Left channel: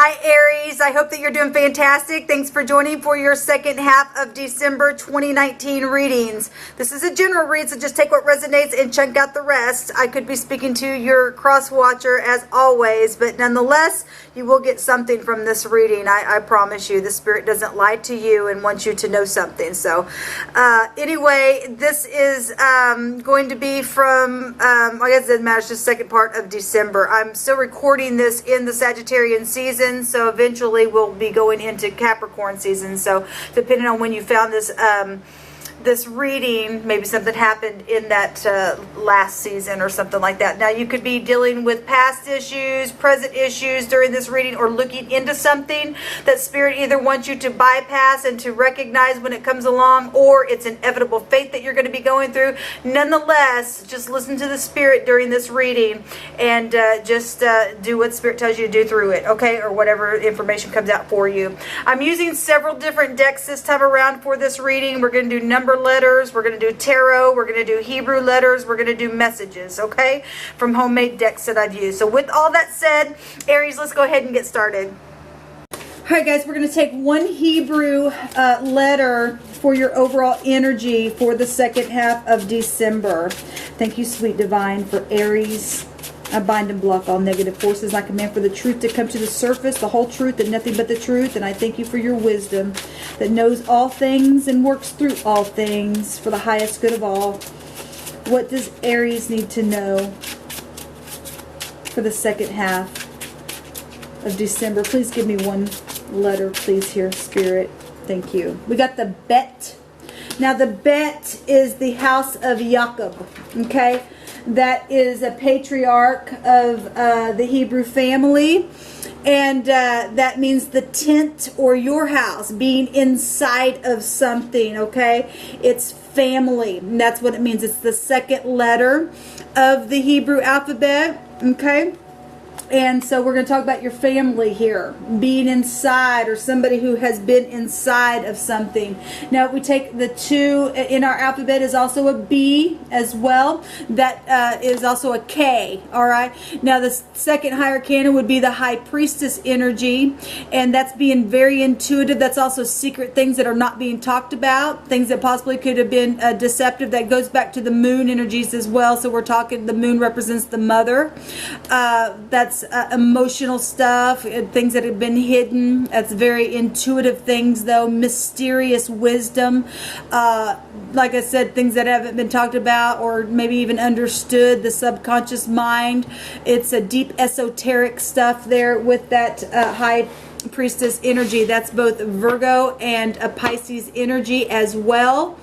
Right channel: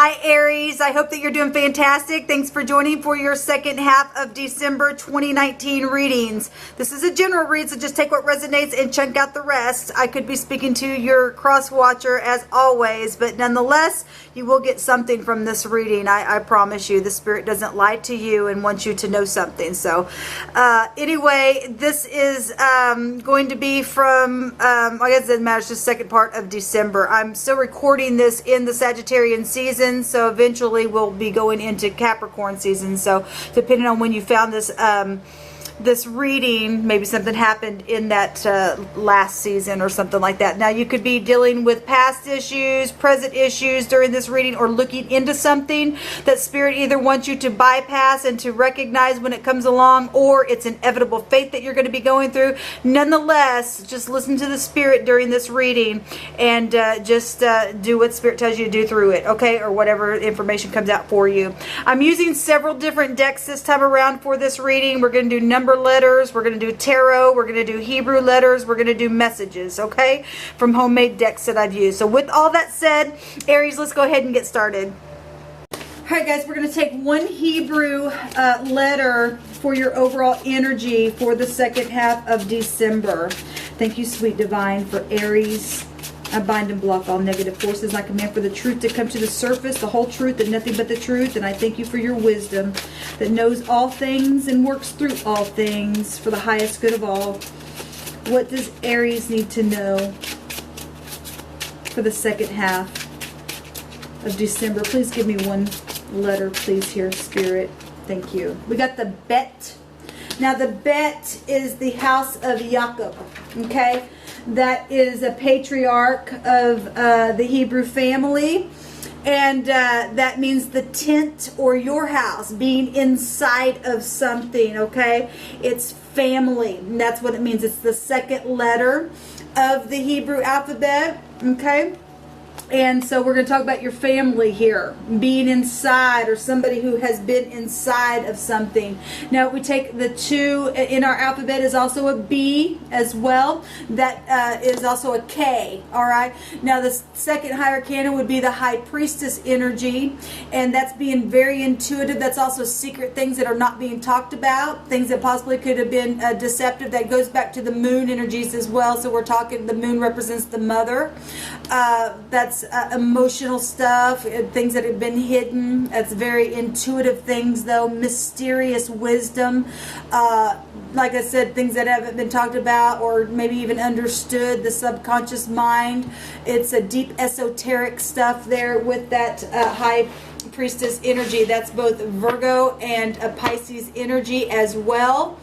Hi Aries, I hope that you're doing fantastic. Thanks for joining for your second half of December 2019 readings. This is a general read, so just take what resonates and chunk out the rest. I could be speaking to your cross watcher as always, but nonetheless, you will get something from this reading. I promise you, the Spirit doesn't lie to you and wants you to know something. So anyway, this is going to be from, I guess it doesn't matter, it's just the second part of December. I'm still recording this in the Sagittarian season. So eventually we'll be going into Capricorn season. So depending on when you found this this reading, maybe something happened in that last season or something like that. Now you could be dealing with past issues, present issues during this reading, or looking into something that Spirit either wants you to bypass and to recognize when it comes along, or it's inevitable fate that you're going to be going through. Nonetheless, just listen to the Spirit during this reading and just do what Spirit tells you to do through it, okay? Or whatever information comes out for you. I'm using several different decks this time around for this reading. We're going to do number letters, we're going to do tarot, we're going to do Hebrew letters, we're going to do messages, okay, from homemade decks that I've used. So with all that said, Aries, let's go ahead and get started. Alright guys, we're going to take one Hebrew letter for your overall energy for the second half of December. Thank you, sweet divine, for Aries. I bind and block all negative forces. I command for the truth to come to the surface, the whole truth and nothing but the truth. And I thank you for your wisdom that knows all things and works through all things for the highest good of all. What does Aries need to know for the second half of December? Please give me one letter, please, here, Spirit. Thank you. We got the Bet. Now, the Bet is the house of Jacob, okay? That is a patriarch of the Hebrew family. And that means the tent or your house, being inside of something, okay? It's family. And that's what it means. It's the second letter of the Hebrew alphabet, okay? And so we're going to talk about your family here, being inside, or somebody who has been inside of something. Now, we take the 2 in our alphabet is also a B as well. That is also a K, all right? Now, the second higher canon would be the high priestess energy, and that's being very intuitive. That's also secret things that are not being talked about, things that possibly could have been deceptive. That goes back to the moon energies as well. So we're talking, the moon represents the mother. That's emotional stuff, things that have been hidden. That's very intuitive things, though. Mysterious wisdom, like I said, things that haven't been talked about or maybe even understood, the subconscious mind. It's a deep esoteric stuff there with that high priestess energy. That's both Virgo and a Pisces energy as well.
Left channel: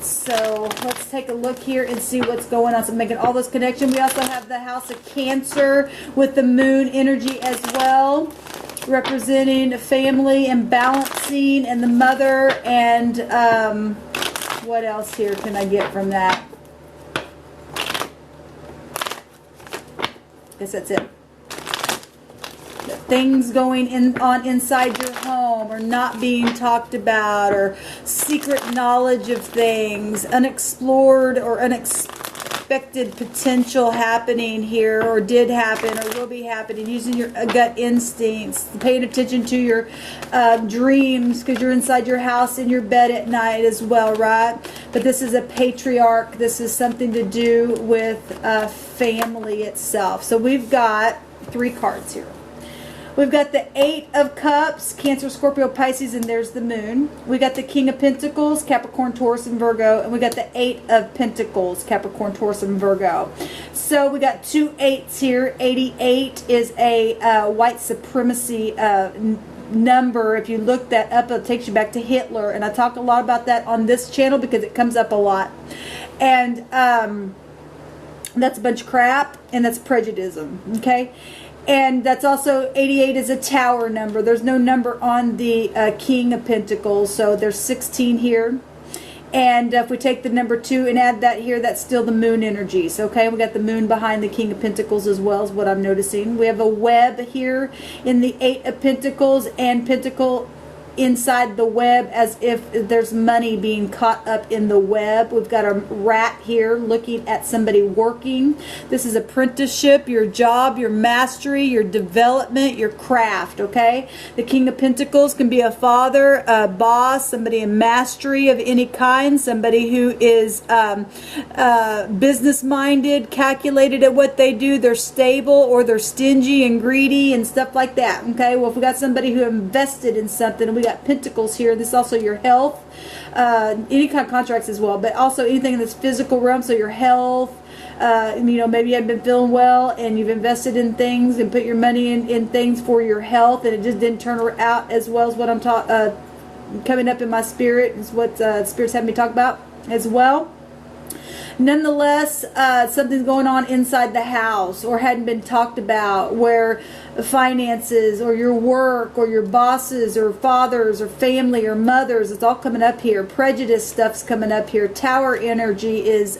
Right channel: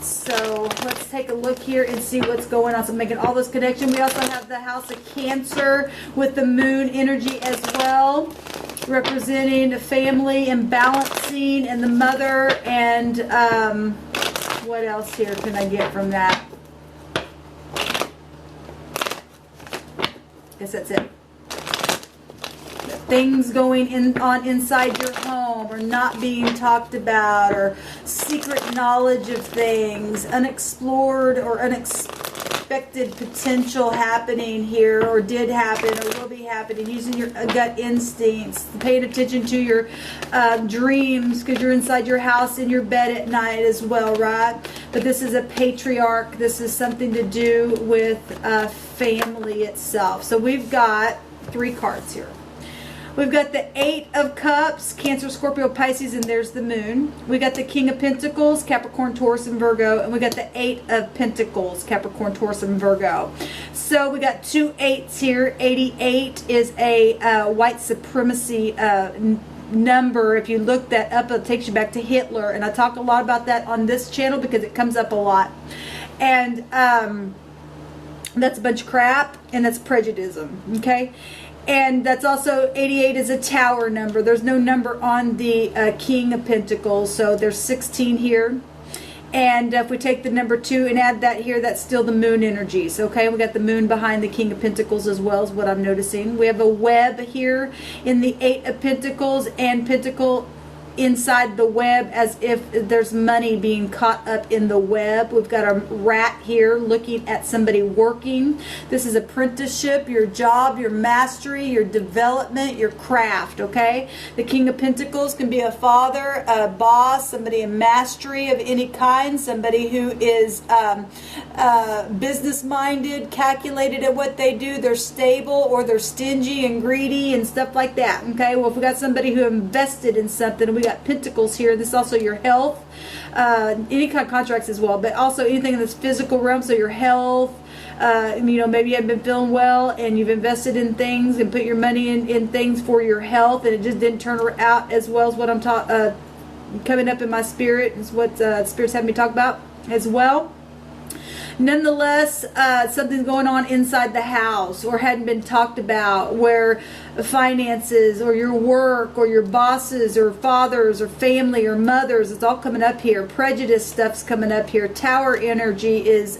So let's take a look here and see what's going on. So making all this connection. We also have the house of Cancer with the moon energy as well, representing the family and balancing and the mother. And what else here can I get from that? Guess that's it. Things going on inside your home, or not being talked about, or secret knowledge of things, unexplored or unexpected potential happening here, or did happen, or will be happening, using your gut instincts, paying attention to your dreams, because you're inside your house in your bed at night as well, right? But this is a patriarch. This is something to do with family itself. So we've got 3 cards here. We've got the 8 of Cups, Cancer, Scorpio, Pisces, and there's the moon. We got the King of Pentacles, Capricorn, Taurus, and Virgo. And we got the 8 of Pentacles, Capricorn, Taurus, and Virgo. So we got 2 8s here. 88 is a white supremacy number. If you look that up, it takes you back to Hitler. And I talk a lot about that on this channel because it comes up a lot. And that's a bunch of crap, and that's prejudice, okay? And that's also, 88 is a tower number. There's no number on the King of Pentacles, so there's 16 here. And if we take the number 2 and add that here, that's still the moon energies, okay? We got the moon behind the King of Pentacles as well, is what I'm noticing. We have a web here in the 8 of Pentacles and Pentacle inside the web, as if there's money being caught up in the web. We've got a rat here looking at somebody working. This is apprenticeship, your job, your mastery, your development, your craft, okay? The King of Pentacles can be a father, a boss, somebody in mastery of any kind, somebody who is business-minded, calculated at what they do. They're stable, or they're stingy and greedy and stuff like that, okay? Well, if we got somebody who invested in something, and we got Pentacles here, this is also your health, any kind of contracts as well, but also anything in this physical realm, so your health, you know, maybe you haven't been feeling well and you've invested in things and put your money in things for your health, and it just didn't turn out as well as what I'm coming up in my spirit, is what Spirit's having me talk about as well. Nonetheless, something's going on inside the house, or hadn't been talked about, where finances or your work or your bosses or fathers or family or mothers, it's all coming up here. Prejudice stuff's coming up here. Tower energy is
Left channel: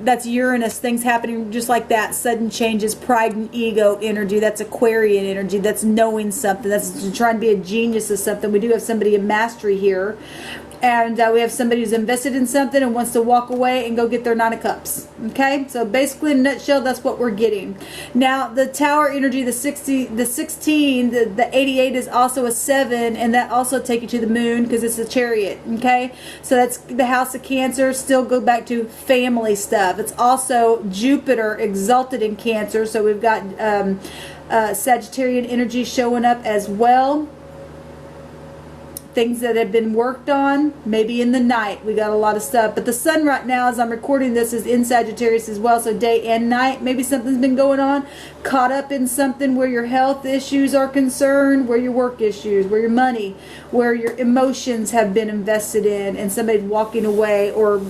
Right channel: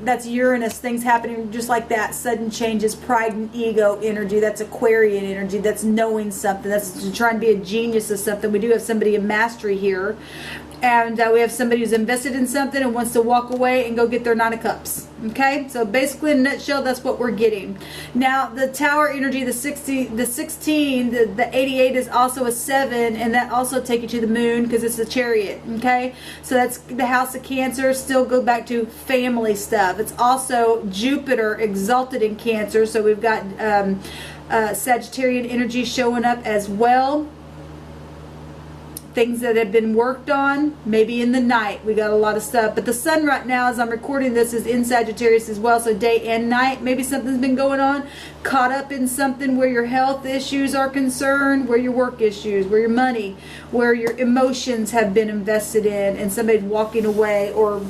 that's Uranus, things happening just like that, sudden changes, pride and ego energy. That's Aquarian energy. That's knowing something. That's trying to be a genius of something. We do have somebody in mastery here. And we have somebody who's invested in something and wants to walk away and go get their 9 of Cups. Okay? So basically, in a nutshell, that's what we're getting. Now, the Tower energy, the 16, the 88 is also a 7, and that also take you to the moon because it's a Chariot. Okay? So that's the House of Cancer. Still go back to family stuff. It's also Jupiter exalted in Cancer. So we've got Sagittarian energy showing up as well. Things that have been worked on, maybe in the night. We got a lot of stuff. But the sun right now, as I'm recording this, is in Sagittarius as well. So day and night, maybe something's been going on. Caught up in something where your health issues are concerned, where your work issues, where your money, where your emotions have been invested in, and somebody walking away, or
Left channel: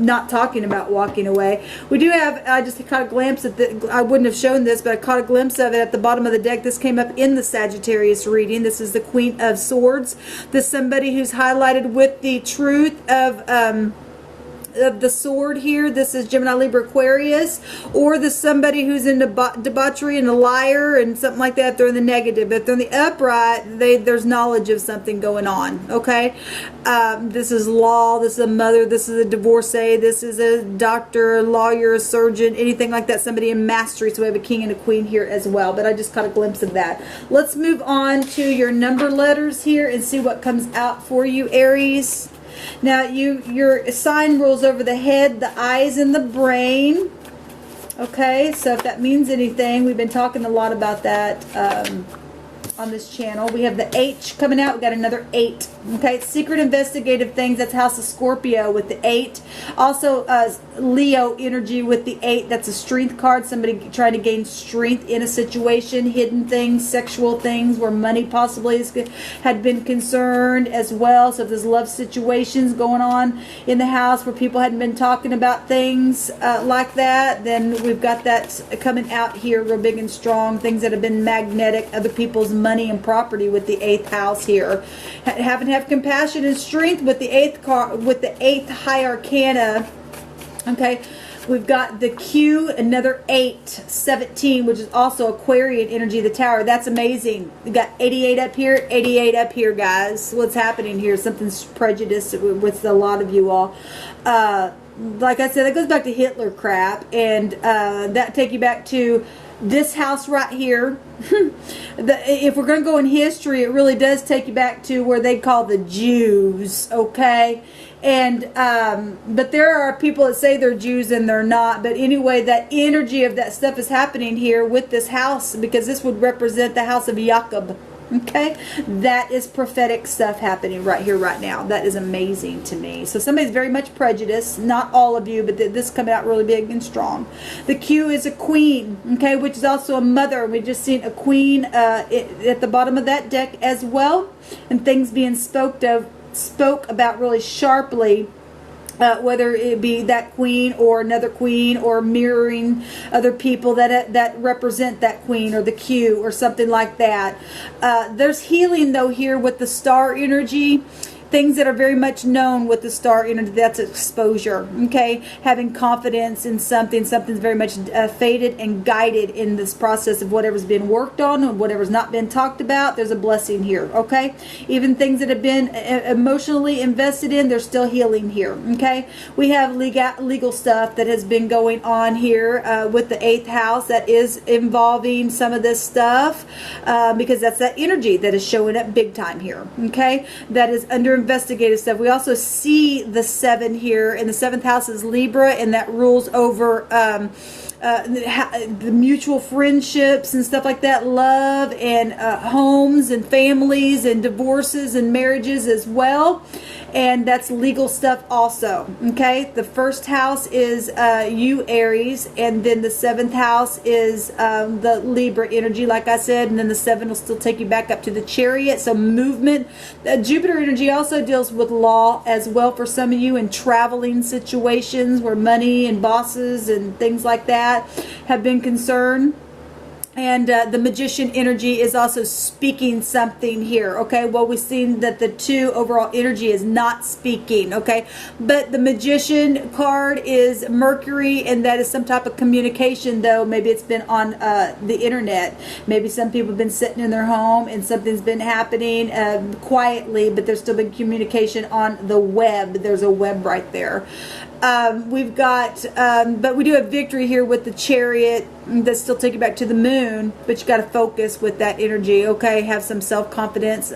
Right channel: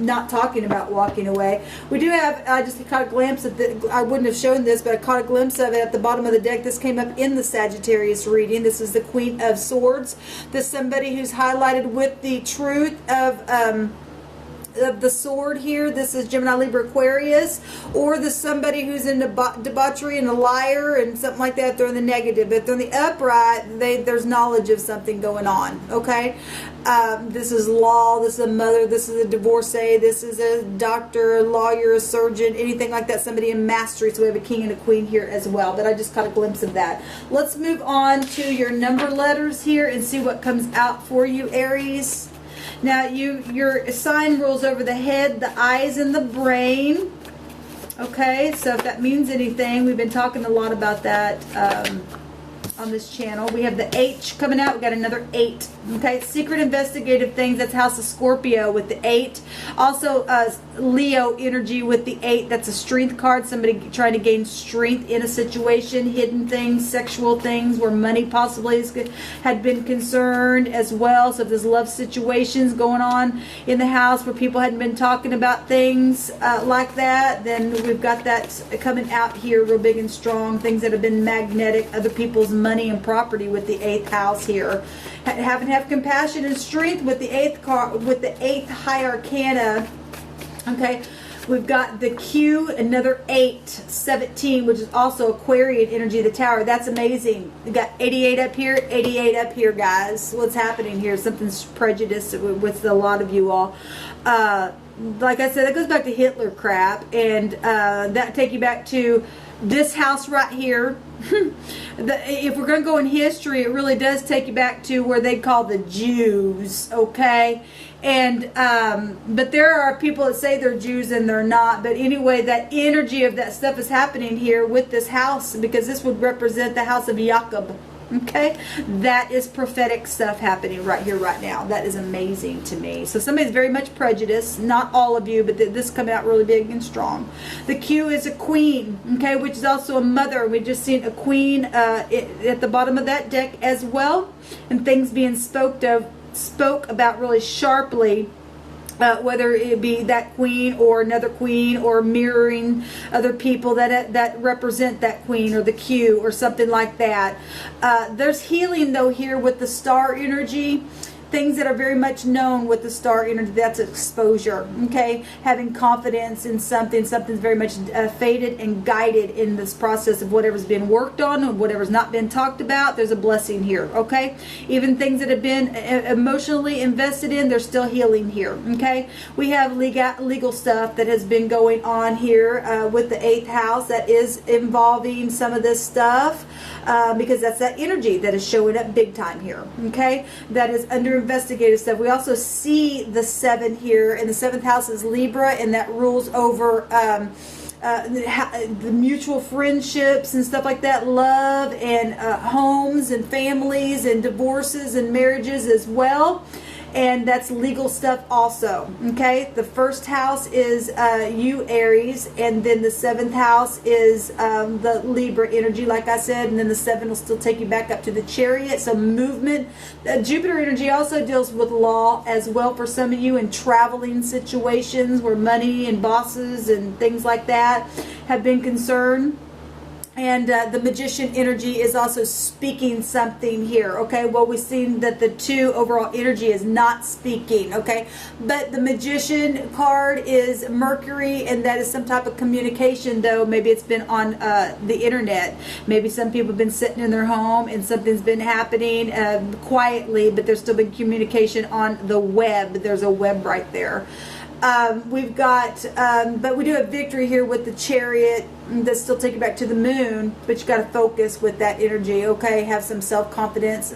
not talking about walking away. We do have just a kind of glimpse of I wouldn't have shown this, but I caught a glimpse of it at the bottom of the deck. This came up in the Sagittarius reading. This is the Queen of Swords. This is somebody who's highlighted with the truth of the sword here. This is Gemini, Libra, Aquarius, or the somebody who's in debauchery and a liar and something like that. They're in the negative. But if they're in the upright, there's knowledge of something going on. Okay, this is law. This is a mother. This is a divorcee. This is a doctor, a lawyer, a surgeon, anything like that. Somebody in mastery. So we have a king and a queen here as well. But I just caught a glimpse of that. Let's move on to your number letters here and see what comes out for you, Aries. Now, your sign rules over the head, the eyes, and the brain. Okay, so if that means anything, we've been talking a lot about that on this channel. We have the H coming out. We got another 8. Okay, secret investigative things. That's House of Scorpio with the 8. Also, Leo energy with the 8. That's a strength card. Somebody trying to gain strength in a situation. Hidden things, sexual things, where money possibly had been concerned as well. So if there's love situations going on in the house where people hadn't been talking about things like that, then we've got that coming out here real big and strong. Things that have been magnetic, other people's money and property with the 8th house here. Have compassion and strength with the 8th card, with the 8th high arcana. Okay, we've got the Q, another 8, 17, which is also Aquarian energy of the Tower. That's amazing. We got 88 up here, 88 up here, guys. What's happening here? Something's prejudiced with a lot of you all. Like I said, it goes back to Hitler crap, and that take you back to this house right here. If we're going to go in history, it really does take you back to where they call the Jews, okay? And but there are people that say they're Jews and they're not. But anyway, that energy of that stuff is happening here with this house, because this would represent the house of Jacob. Okay, that is prophetic stuff happening right here, right now. That is amazing to me. So somebody's very much prejudiced. Not all of you, but this coming out really big and strong. The Q is a queen, okay, which is also a mother. We just seen a queen at the bottom of that deck as well, and things being spoke about really sharply. Whether it be that queen or another queen, or mirroring other people that represent that queen or the Q or something like that. There's healing though here with the star energy. things that are very much known with the star energy, that's exposure, okay? Having confidence in something's very much fated and guided in this process of whatever's been worked on and whatever's not been talked about. There's a blessing here, okay? Even things that have been emotionally invested in, they're still healing here, okay? We have legal stuff that has been going on here with the 8th house that is involving some of this stuff because that's that energy that is showing up big time here, okay? That is under investigative stuff. We also see the 7 here, and the 7th house is Libra, and that rules over the mutual friendships and stuff like that, love and homes and families and divorces and marriages as well. And that's legal stuff also, okay? The 1st house is you, Aries, and then the 7th house is the Libra energy, like I said, and then the 7 will still take you back up to the Chariot, so movement. Jupiter energy also deals with law as well for some of you, in traveling situations where money and bosses and things like that have been concerned. And the Magician energy is also speaking something here, okay? Well, we've seen that the 2 overall energy is not speaking, okay? But the Magician card is Mercury, and that is some type of communication, though. Maybe it's been on the internet. Maybe some people have been sitting in their home and something's been happening quietly, but there's still been communication on the web. There's a web right there. We've got, but we do have victory here with the Chariot. That's still taking you back to the moon, but you got to focus with that energy, okay? Have some self-confidence.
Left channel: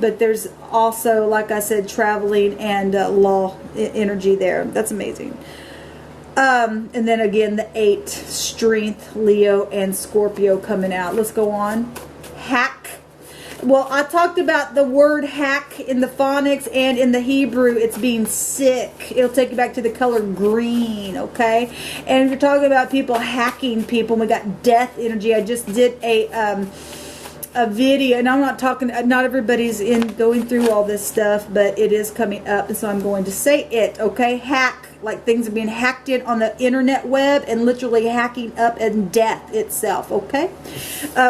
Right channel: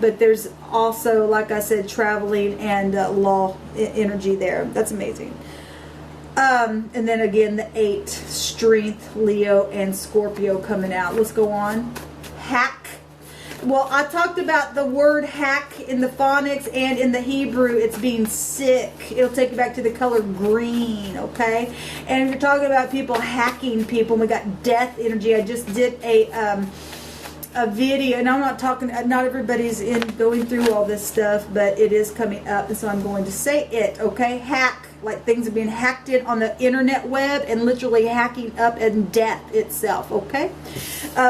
But there's also, like I said, traveling and law energy there. That's amazing. And then again, the 8, strength, Leo and Scorpio coming out. Let's go on. Hack. Well, I talked about the word hack in the phonics and in the Hebrew. It's being sick. It'll take you back to the color green, okay? And if you're talking about people hacking people, we got death energy. I just did a video, and I'm not talking, not everybody's in going through all this stuff, but it is coming up, and so I'm going to say it, okay? Hack, like things are being hacked in on the internet web and literally hacking up and death itself, okay?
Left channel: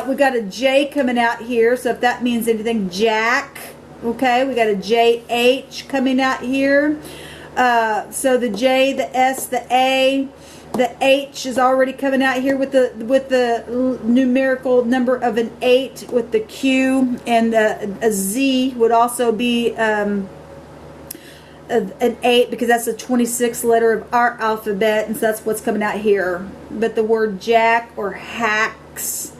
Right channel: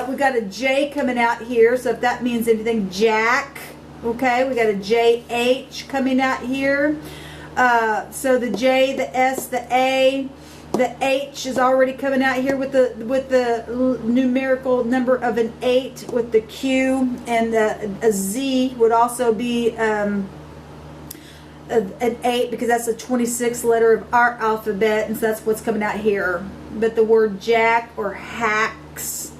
We got a J coming out here, so if that means anything, Jack, okay? We got a JH coming out here. So the J, the S, the A, the H is already coming out here with the numerical number of an 8 with the Q, and a Z would also be an 8 because that's the 26th letter of our alphabet, and so that's what's coming out here. But the word jack or hex,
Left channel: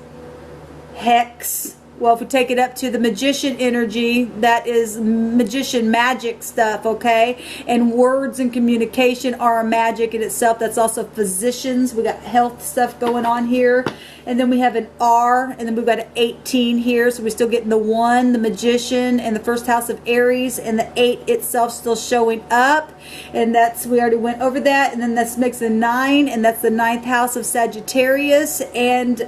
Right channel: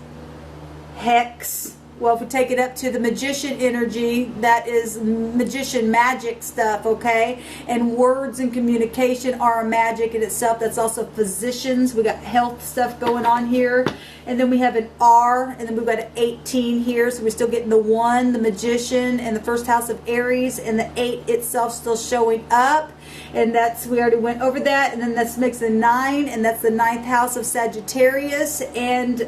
well, if we take it up to the Magician energy, that is magician magic stuff, okay? And words and communication are a magic in itself. That's also physicians. We got health stuff going on here. And then we have an R, and then we've got an 18 here. So we're still getting the 1, the Magician, and the 1st house of Aries, and the 8 itself still showing up. And that's, we already went over that. And then this makes a 9, and that's the 9th house of Sagittarius. And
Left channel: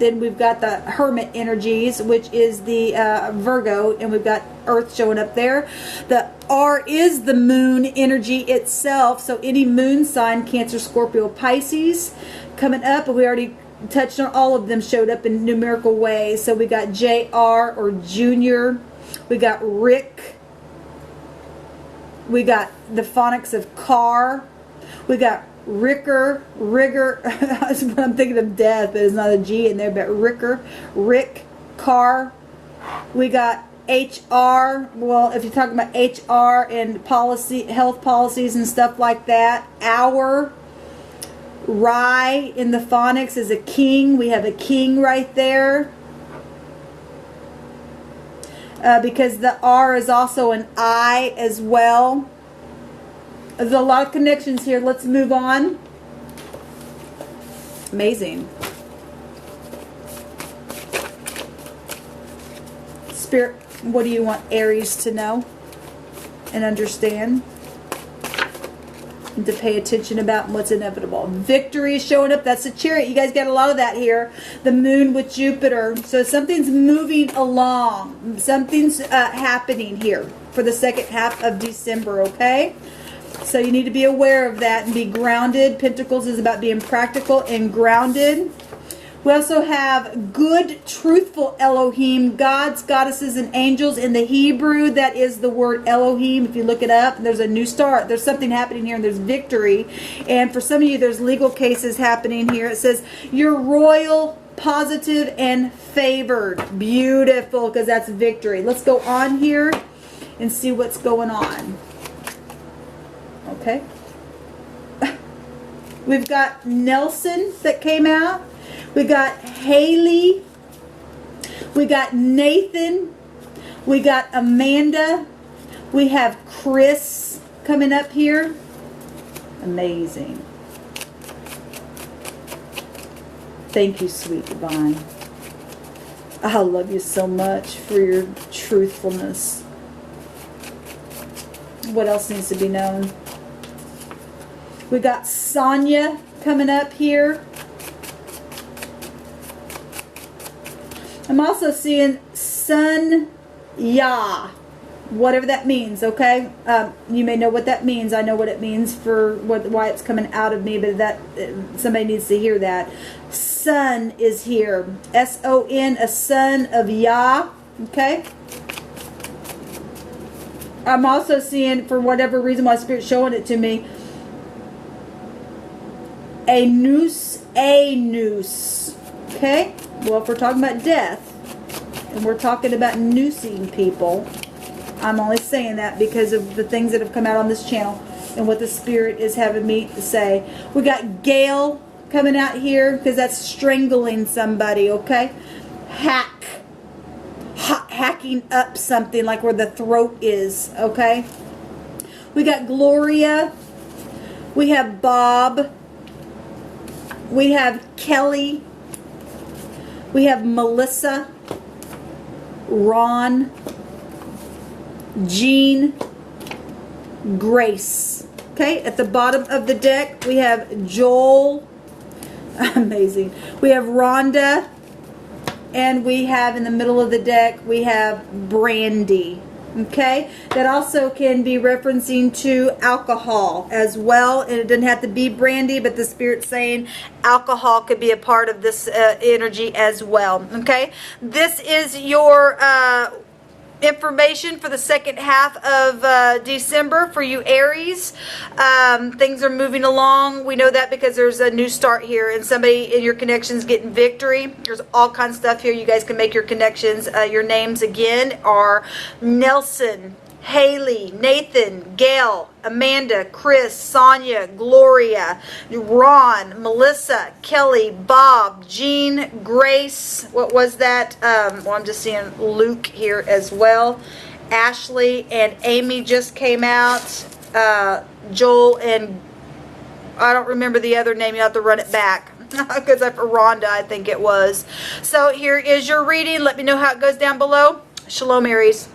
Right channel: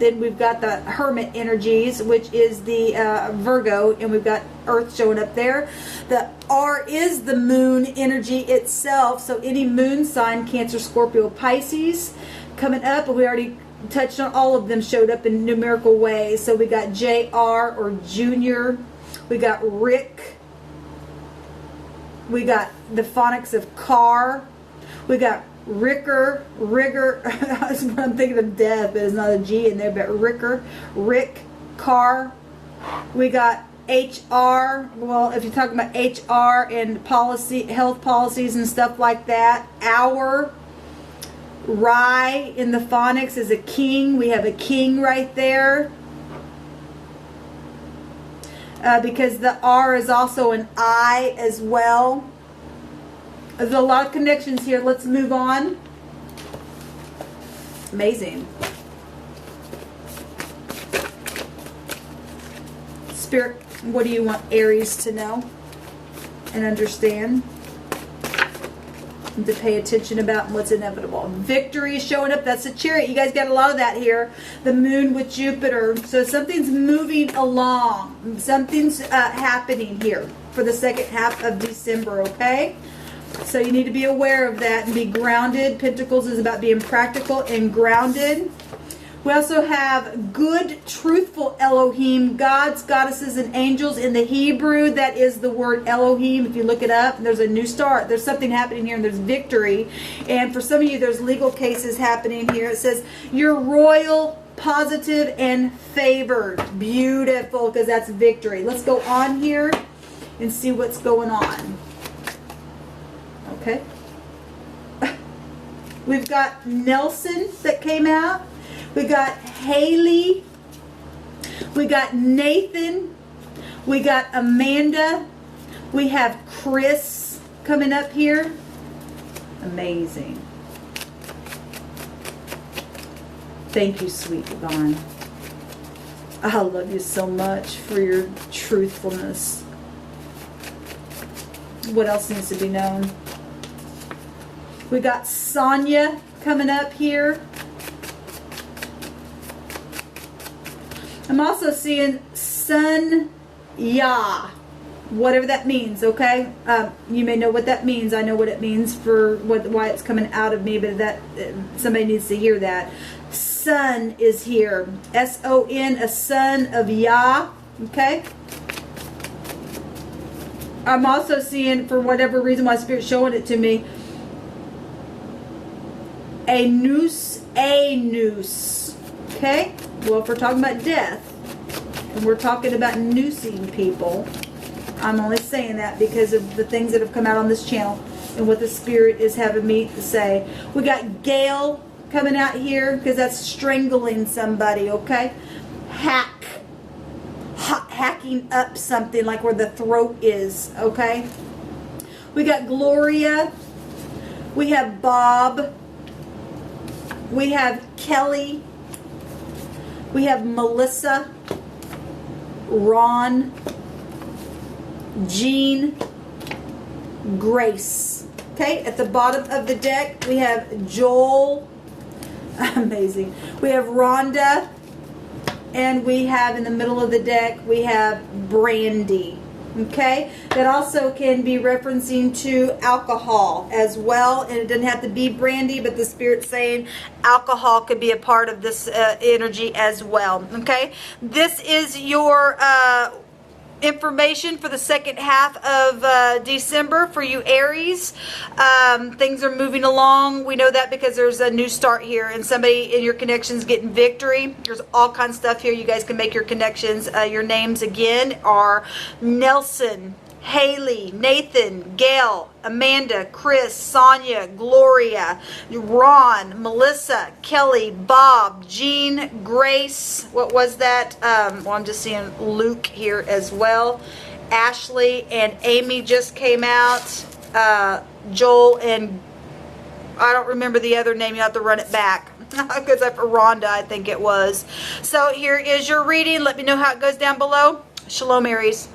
then we've got the Hermit energies, which is the Virgo, and we've got Earth showing up there. The R is the moon energy itself. So any moon sign, Cancer, Scorpio, Pisces, coming up, and we already touched on all of them, showed up in numerical ways. So we got JR or Junior, we got Rick, we got the phonics of car, we got Rigger, I'm thinking of death, but it's not a G in there, but Rick, car. We got HR, well, if you're talking about HR and policy, health policies and stuff like that. Hour. Rye in the phonics is a king. We have a king right there. Because the R is also an I as well. There's a lot of connections here. Let's move on. Amazing. Spirit, what do you want Aries to know and understand? To pay attention about what's inevitable. Victory is showing up. That's the Chariot. You guys got a lot of that here. The moon with Jupiter. So something's moving along. Something's happening here for the second half of December, okay? So you need to be aware of that and be grounded. Pentacles is about being practical and grounded. We also have good, truthful Elohim, gods, goddesses, and angels. In the Hebrew, that is the word Elohim. If you look it up, there's a new start. There's something happening here, and there's victory. And for some of you, there's legal cases happening here. It says, you're royal, positive, and favored. Beautiful, because that's victory. Let's go on here and see what's going on. Okay. We've got Nelson that came out. We got Haley. We got Nathan. We got Amanda. We have Chris coming up here. Amazing. Thank you, sweet divine. I love you so much for your truthfulness. What else needs to be known? We got Sonia coming up here. I'm also seeing Sun Ya, whatever that means, okay? You may know what that means. I know what it means for why it's coming out of me, but that somebody needs to hear that. Sun is here. S-O-N, a son of Yah, okay? I'm also seeing, for whatever reason why Spirit's showing it to me, a noose, okay? Well, if we're talking about death, and we're talking about noosing people, I'm only saying that because of the things that have come out on this channel and what the Spirit is having me to say. We got Gail coming out here because that's strangling somebody, okay? Hacking up something like where the throat is, okay? We got Gloria. We have Bob. We have Kelly. We have Melissa, Ron, Jean, Grace. Okay, at the bottom of the deck, we have Joel. Amazing. We have Rhonda. And we have in the middle of the deck, we have Brandy. Okay, that also can be referencing to alcohol as well, and it doesn't have to be brandy, but the Spirit's saying alcohol could be a part of this energy as well. Okay, this is your information for the second half of December for you Aries. Things are moving along. We know that because there's a new start here and somebody in your connections getting victory. There's all kinds of stuff here. You guys can make your connections. Your names again are Nelson, Haley, Nathan, Gail, Amanda, Chris, Sonia, Gloria, Ron, Melissa, Kelly, Bob, Jean, Grace. What was that? Well, I'm just seeing Luke here as well. Ashley and Amy just came out. Joel and I don't remember the other name. You have to run it back. Because for Rhonda, I think it was. So here is your reading. Let me know how it goes down below. Shalom, Aries.